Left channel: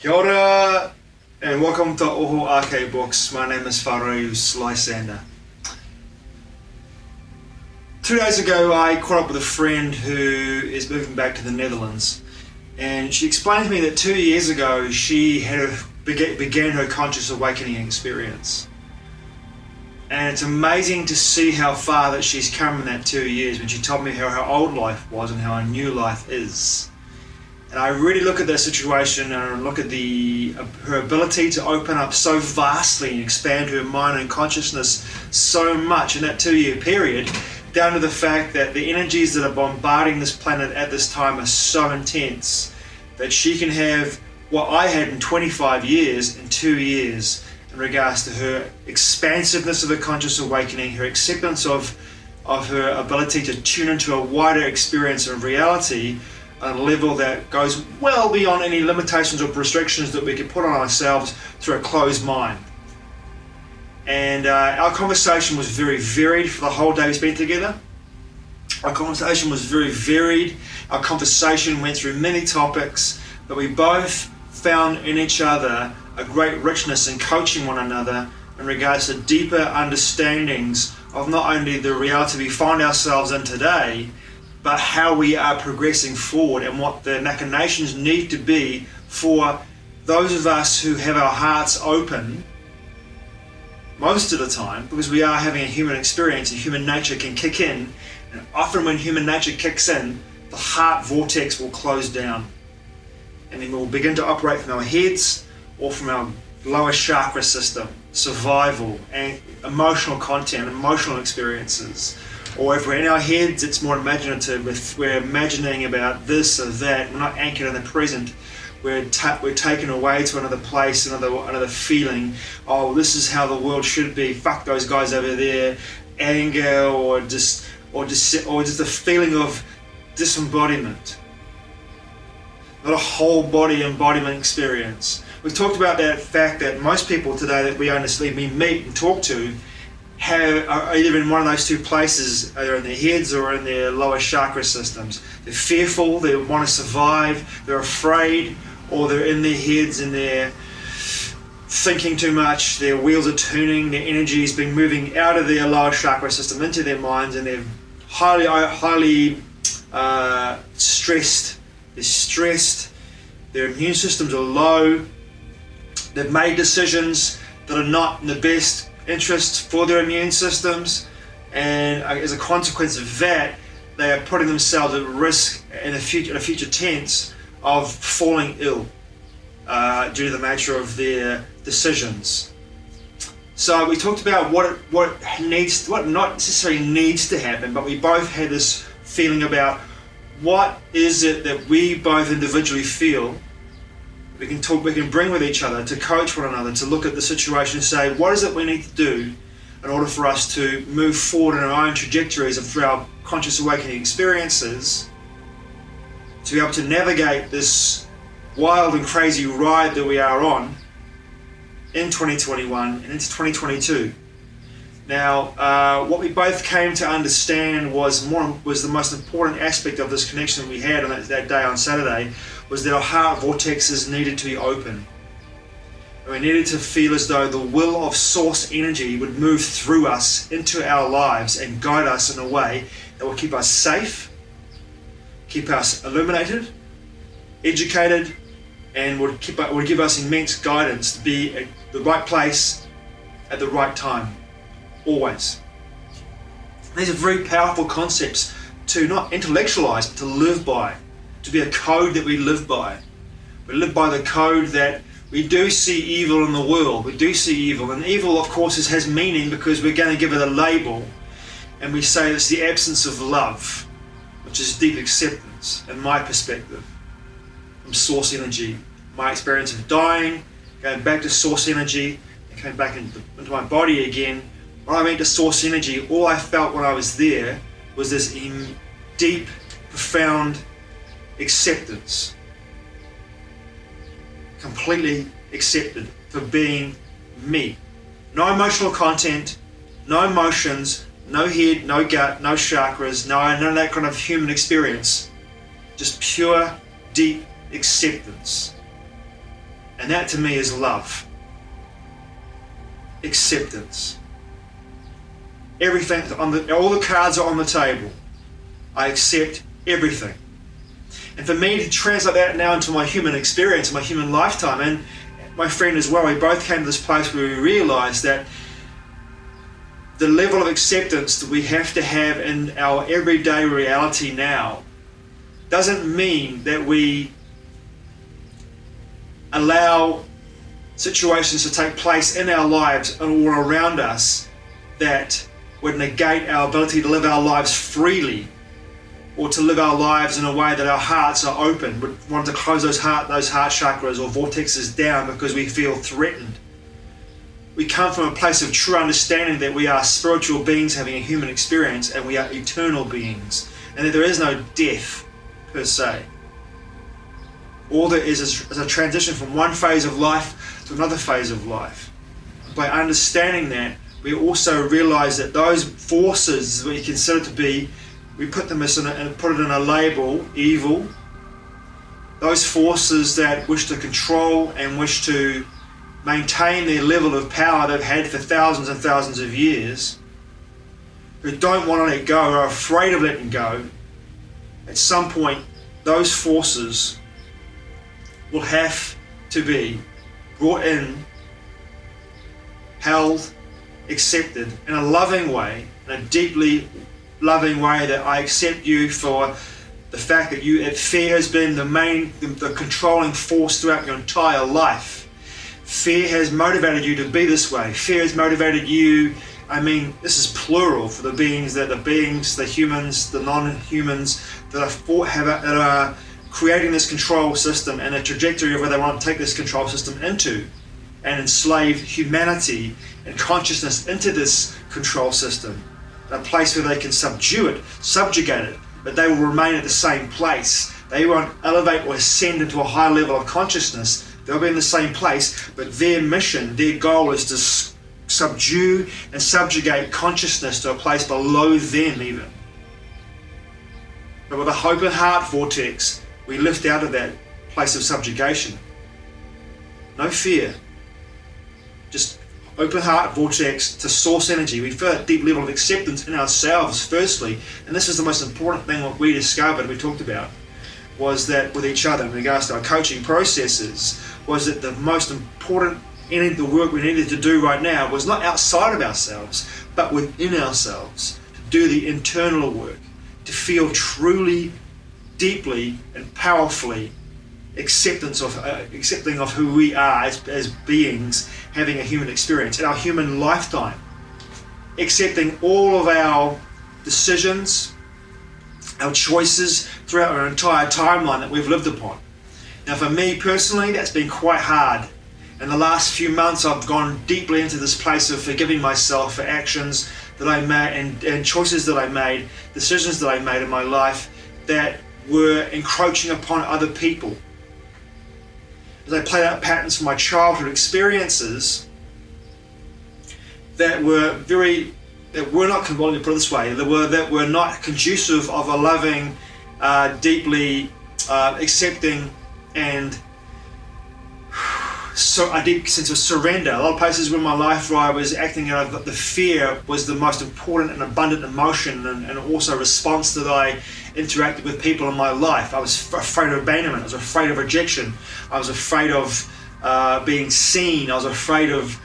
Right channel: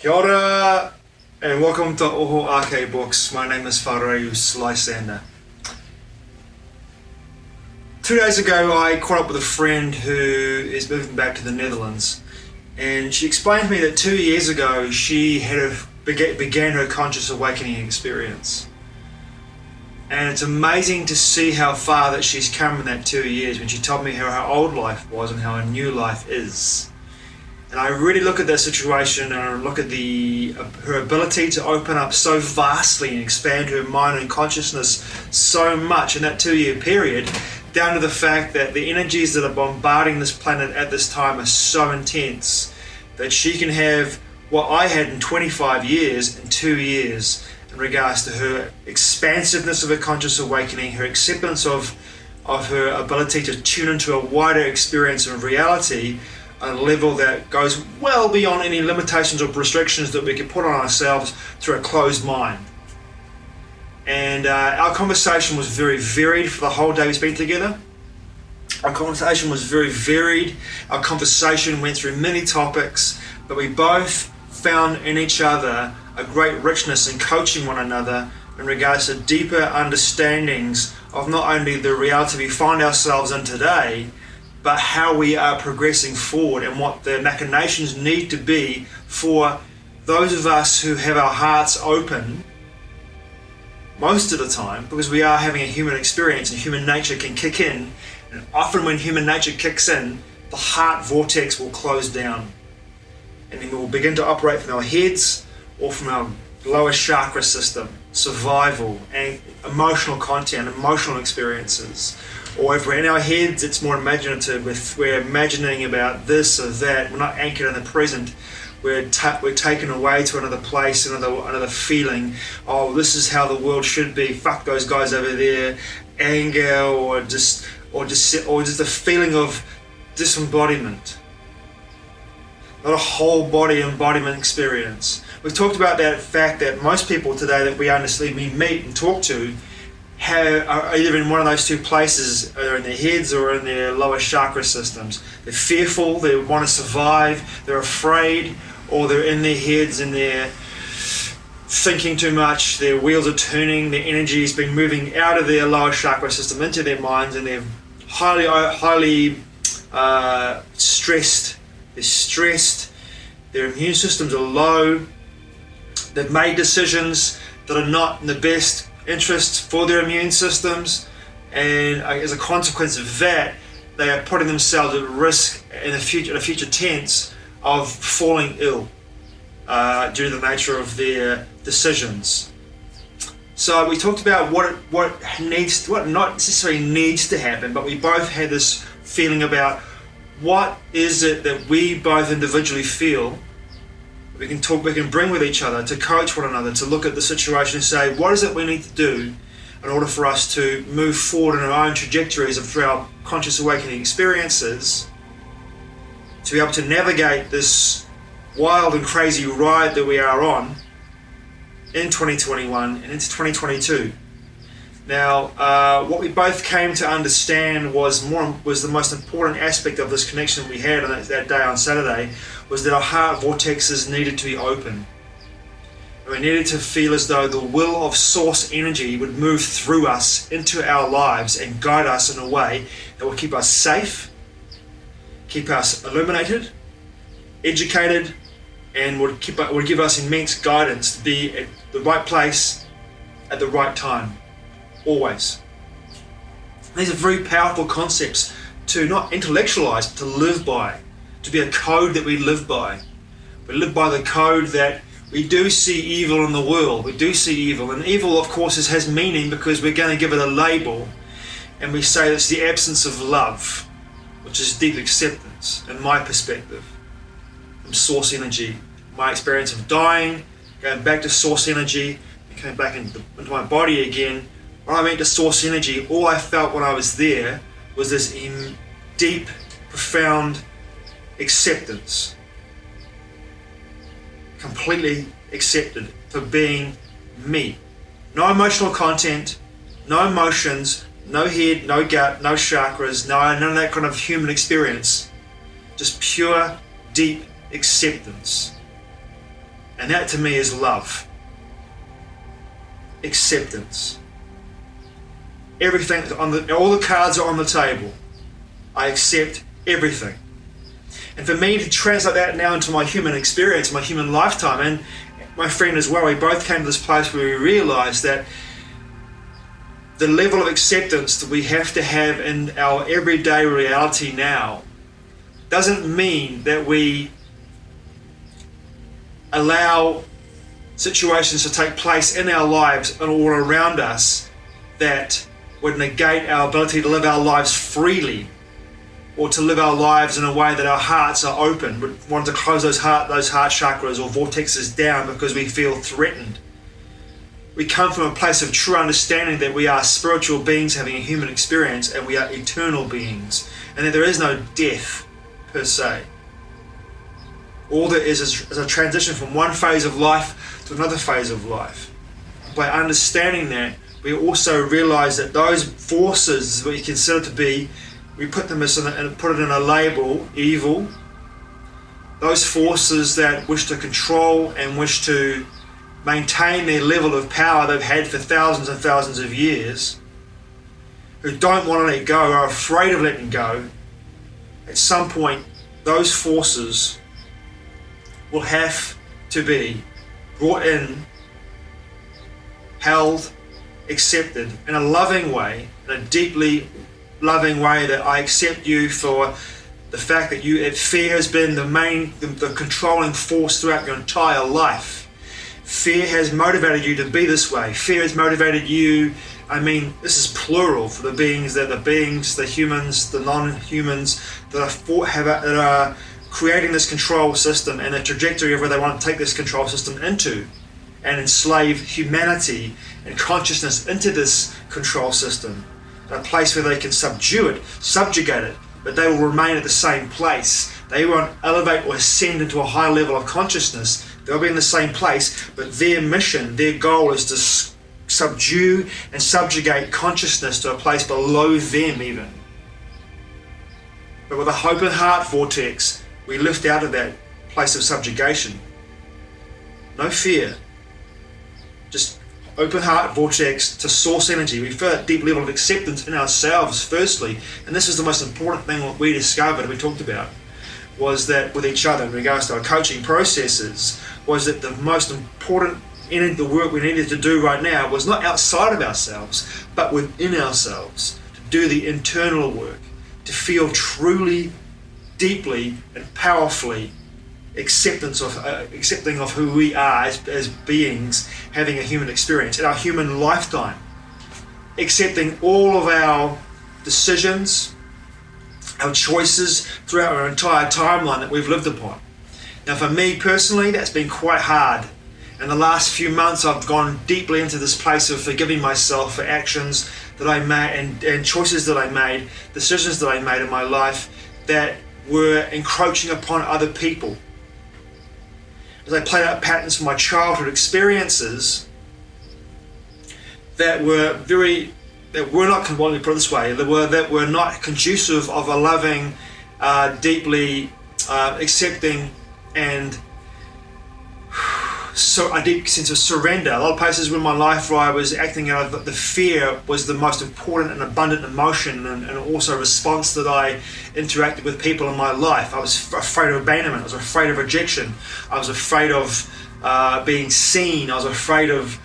Kia ora, and welcome to Oho Ake Books. My name is Whareus Lysander. 2 days ago I caught up with a friend who is moving back to the Netherlands, and she explained to me that 2 years ago she began her conscious awakening experience. And it's amazing to see how far that she's come in that 2 years when she told me how her old life was and how her new life is. And I really look at that situation and I look at her ability to open up so vastly and expand her mind and consciousness so much in that 2 year period, down to the fact that the energies that are bombarding this planet at this time are so intense that she can have what I had in 25 years in 2 years in regards to her expansiveness of her conscious awakening, her acceptance of her ability to tune into a wider experience of reality, a level that goes well beyond any limitations or restrictions that we can put on ourselves through a closed mind. And our conversation was very varied for the whole day we spent together. Our conversation was very varied. Our conversation went through many topics, but we both found in each other a great richness in coaching one another in regards to deeper understandings of not only the reality we find ourselves in today, but how we are progressing forward and what the machinations need to be for those of us who have our hearts open most of the time, because we are having a human experience and human nature can kick in. And often when human nature kicks in, the heart vortex will close down. And then we will begin to operate from our heads or from our lower chakra system, survival and emotional content, emotional experiences. Or if we're in our heads, it's more imaginative. If we're imagining about this or that, we're not anchored in the present. We're taken away to another place, another feeling. Oh, this is how the world should be. Fuck those guys over there. Anger or just a feeling of disembodiment. Not a whole body embodiment experience. We've talked about that fact that most people today that we meet and talk to are either in one of those two places, either in their heads or in their lower chakra systems. They're fearful, they want to survive, they're afraid, or they're in their heads and they're thinking too much, their wheels are turning, their energy has been moving out of their lower chakra system into their minds, and they're highly stressed. They're stressed, their immune systems are low, they've made decisions that are not in the best interest for their immune systems, and as a consequence of that, they are putting themselves at risk in a future tense of falling ill due to the nature of their decisions. So we talked about what not necessarily needs to happen, but we both had this feeling about what is it that we both individually feel we can bring with each other to coach one another, to look at the situation and say, what is it we need to do in order for us to move forward in our own trajectories through our conscious awakening experiences, to be able to navigate this wild and crazy ride that we are on in 2021 and into 2022. Now, what we both came to understand was the most important aspect of this connection we had on that day on Saturday, was that our heart vortexes needed to be open. And we needed to feel as though the will of source energy would move through us into our lives and guide us in a way that will keep us safe, keep us illuminated, educated, and would give us immense guidance to be at the right place at the right time. Always. These are very powerful concepts to not intellectualize, but to live by, to be a code that we live by. We live by the code that we do see evil in the world. We do see evil, and evil, of course, has meaning because we're going to give it a label, and we say it's the absence of love, which is deep acceptance, in my perspective, from source energy. My experience of dying, going back to source energy, and coming back into my body again. When I went to source energy, all I felt when I was there was this deep, profound acceptance. Completely accepted for being me. No emotional content, no emotions, no head, no gut, no chakras, none of that kind of human experience. Just pure, deep acceptance. And that to me is love. Acceptance. Everything, all the cards are on the table. I accept everything. And for me to translate that now into my human experience, my human lifetime, and my friend as well, we both came to this place where we realized that the level of acceptance that we have to have in our everyday reality now doesn't mean that we allow situations to take place in our lives and all around us that would negate our ability to live our lives freely, or to live our lives in a way that our hearts are open. We want to close those heart chakras or vortexes down because we feel threatened. We come from a place of true understanding that we are spiritual beings having a human experience, and we are eternal beings, and that there is no death per se. All there is a transition from one phase of life to another phase of life. By understanding that, we also realize that those forces that you consider to be, we put them and put it in a label, evil. Those forces that wish to control and wish to maintain their level of power they've had for thousands and thousands of years, who don't want to let go, are afraid of letting go, at some point those forces will have to be brought in, held, accepted in a loving way, in a deeply loving way, that I accept you for the fact that fear has been the controlling force throughout your entire life. Fear has motivated you to be this way. Fear has motivated you, this is plural for the beings, the humans, the non-humans that are creating this control system and a trajectory of where they want to take this control system into, and enslave humanity and consciousness into this control system, a place where they can subjugate it, but they will remain at the same place. They won't elevate or ascend into a high level of consciousness. They'll be in the same place, but their mission, their goal is to subdue and subjugate consciousness to a place below them even. But with a hope and heart vortex, we lift out of that place of subjugation. No fear. Just open heart vortex to source energy. We feel a deep level of acceptance in ourselves firstly, and this is the most important thing that we discovered, we talked about, was that with each other in regards to our coaching processes, was that the most important the work we needed to do right now was not outside of ourselves, but within ourselves, to do the internal work, to feel truly, deeply and powerfully accepting of who we are as beings having a human experience in our human lifetime, accepting all of our decisions, our choices throughout our entire timeline that we've lived upon. Now for me personally, that's been quite hard. In the last few months, I've gone deeply into this place of forgiving myself for actions that I made and choices that I made, decisions that I made in my life that were encroaching upon other people. As I played out patterns from my childhood experiences that were not, let me put it this way, that were not conducive of a loving, deeply accepting and so a deep sense of surrender. A lot of places in my life where I was acting out of the fear was the most important and abundant emotion and also response that I interacted with people in my life. I was afraid of abandonment. I was afraid of rejection. I was afraid of being seen. I was afraid of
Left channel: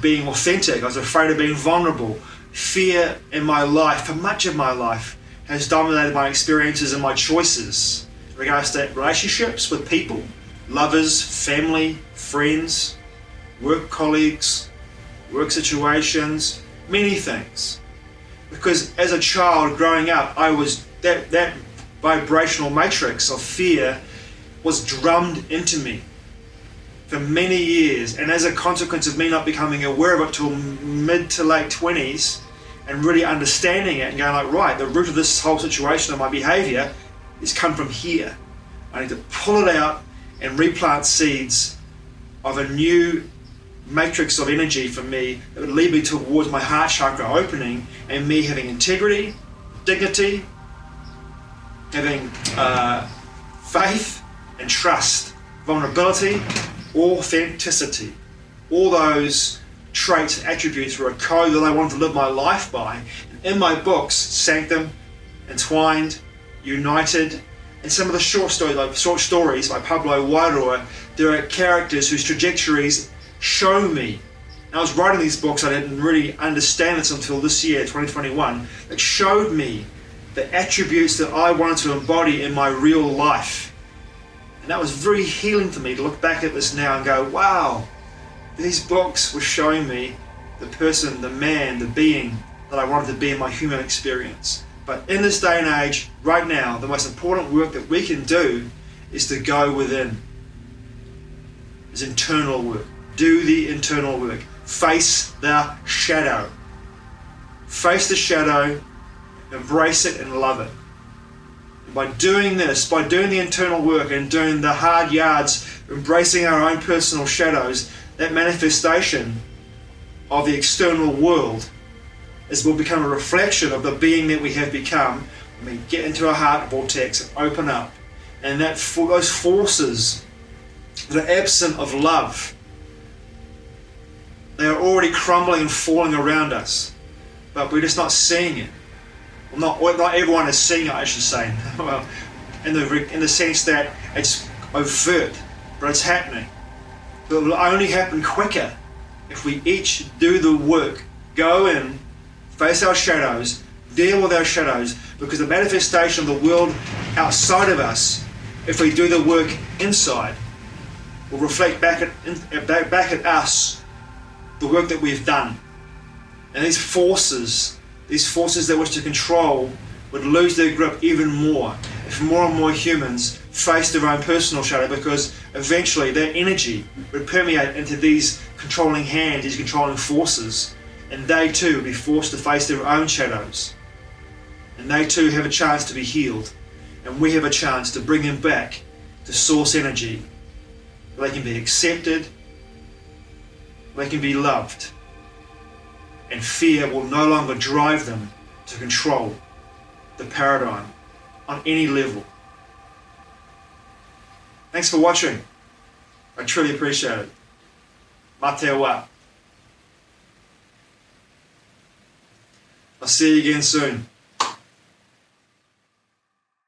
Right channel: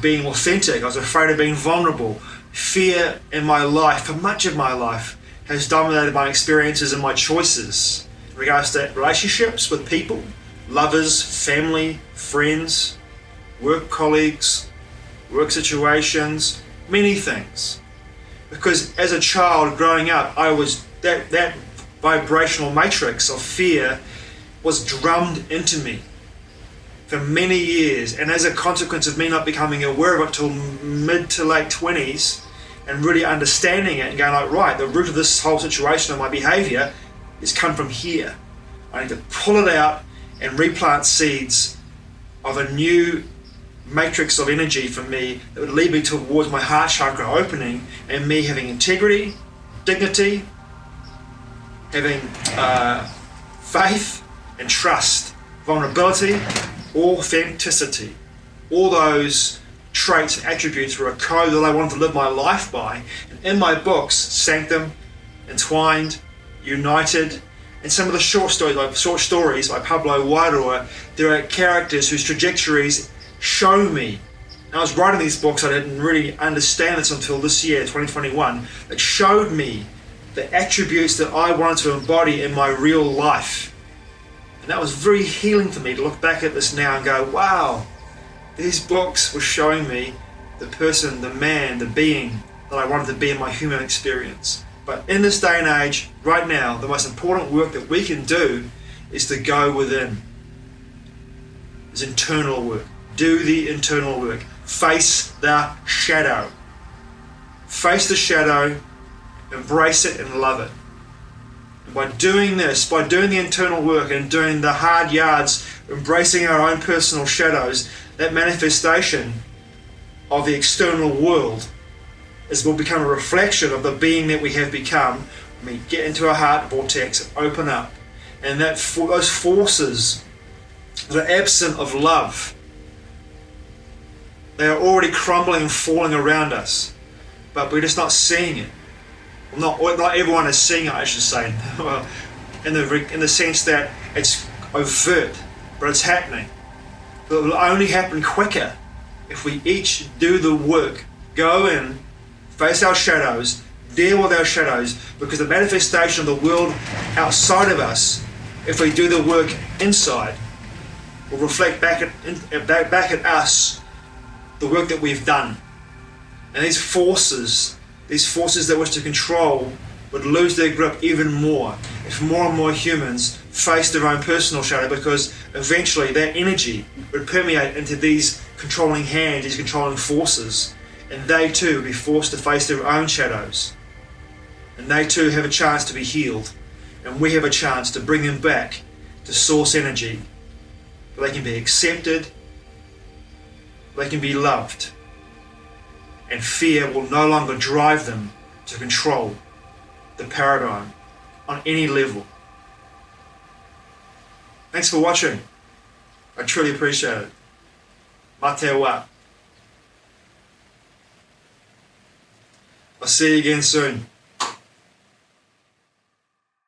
being authentic. I was afraid of being vulnerable. Fear in my life, for much of my life, has dominated my experiences and my choices in regards to relationships with people, lovers, family, friends, work colleagues, work situations, many things. Because as a child growing up, I was that vibrational matrix of fear was drummed into me for many years, and as a consequence of me not becoming aware of it till mid to late 20s and really understanding it and going like, right, the root of this whole situation of my behavior is come from here. I need to pull it out and replant seeds of a new matrix of energy for me that would lead me towards my heart chakra opening and me having integrity, dignity, having faith and trust, vulnerability, authenticity. All those traits and attributes were a code that I wanted to live my life by. And in my books, Sanctum, Entwined, United, and some of the short stories by Pablo Wairua, there are characters whose trajectories show me. And I was writing these books, I didn't really understand this until this year, 2021, that showed me the attributes that I wanted to embody in my real life. And that was very healing for me to look back at this now and go, wow, these books were showing me the person, the man, the being that I wanted to be in my human experience. But in this day and age, right now, the most important work that we can do is to go within. It's internal work. Do the internal work. Face the shadow. Face the shadow, embrace it and love it. And by doing this, by doing the internal work and doing the hard yards, embracing our own personal shadows, that manifestation of the external world will become a reflection of the being that we have become when we get into our heart vortex and open up. And that those forces that are absent of love, they are already crumbling and falling around us, but we're just not seeing it. Not everyone is seeing it, I should say. Well, in the sense that it's overt, but it's happening. But it will only happen quicker if we each do the work, go in, face our shadows, deal with our shadows, because the manifestation of the world outside of us, if we do the work inside, will reflect back at us the work that we've done. And these forces that wish to control would lose their grip even more if more and more humans face their own personal shadow, because eventually their energy would permeate into these controlling hands, these controlling forces, and they too would be forced to face their own shadows. And they too have a chance to be healed, and we have a chance to bring them back to source energy, where they can be accepted, they can be loved, and fear will no longer drive them to control the paradigm on any level. Thanks for watching. I truly appreciate it. Mate wa. I'll see you again soon.